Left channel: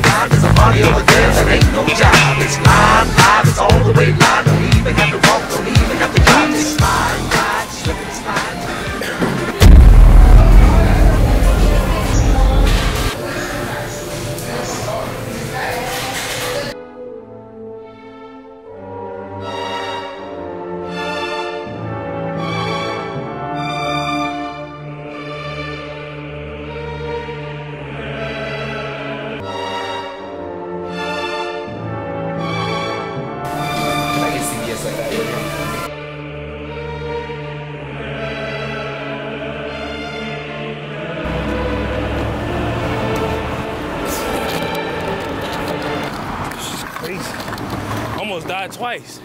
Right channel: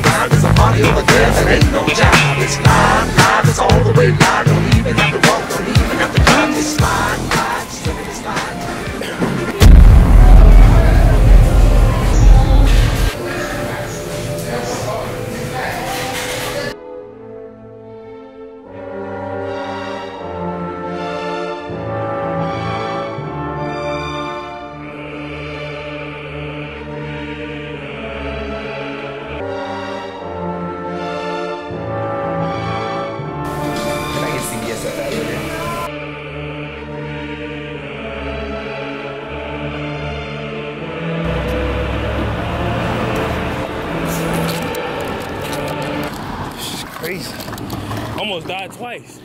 rhyme. There's a party over there that ain't no job. It's live, it's all the way live. Don't even have to walk, don't even have to drive. It's live, just look at this live. Can I get CBS at that later? This is crazy. Almost died twice.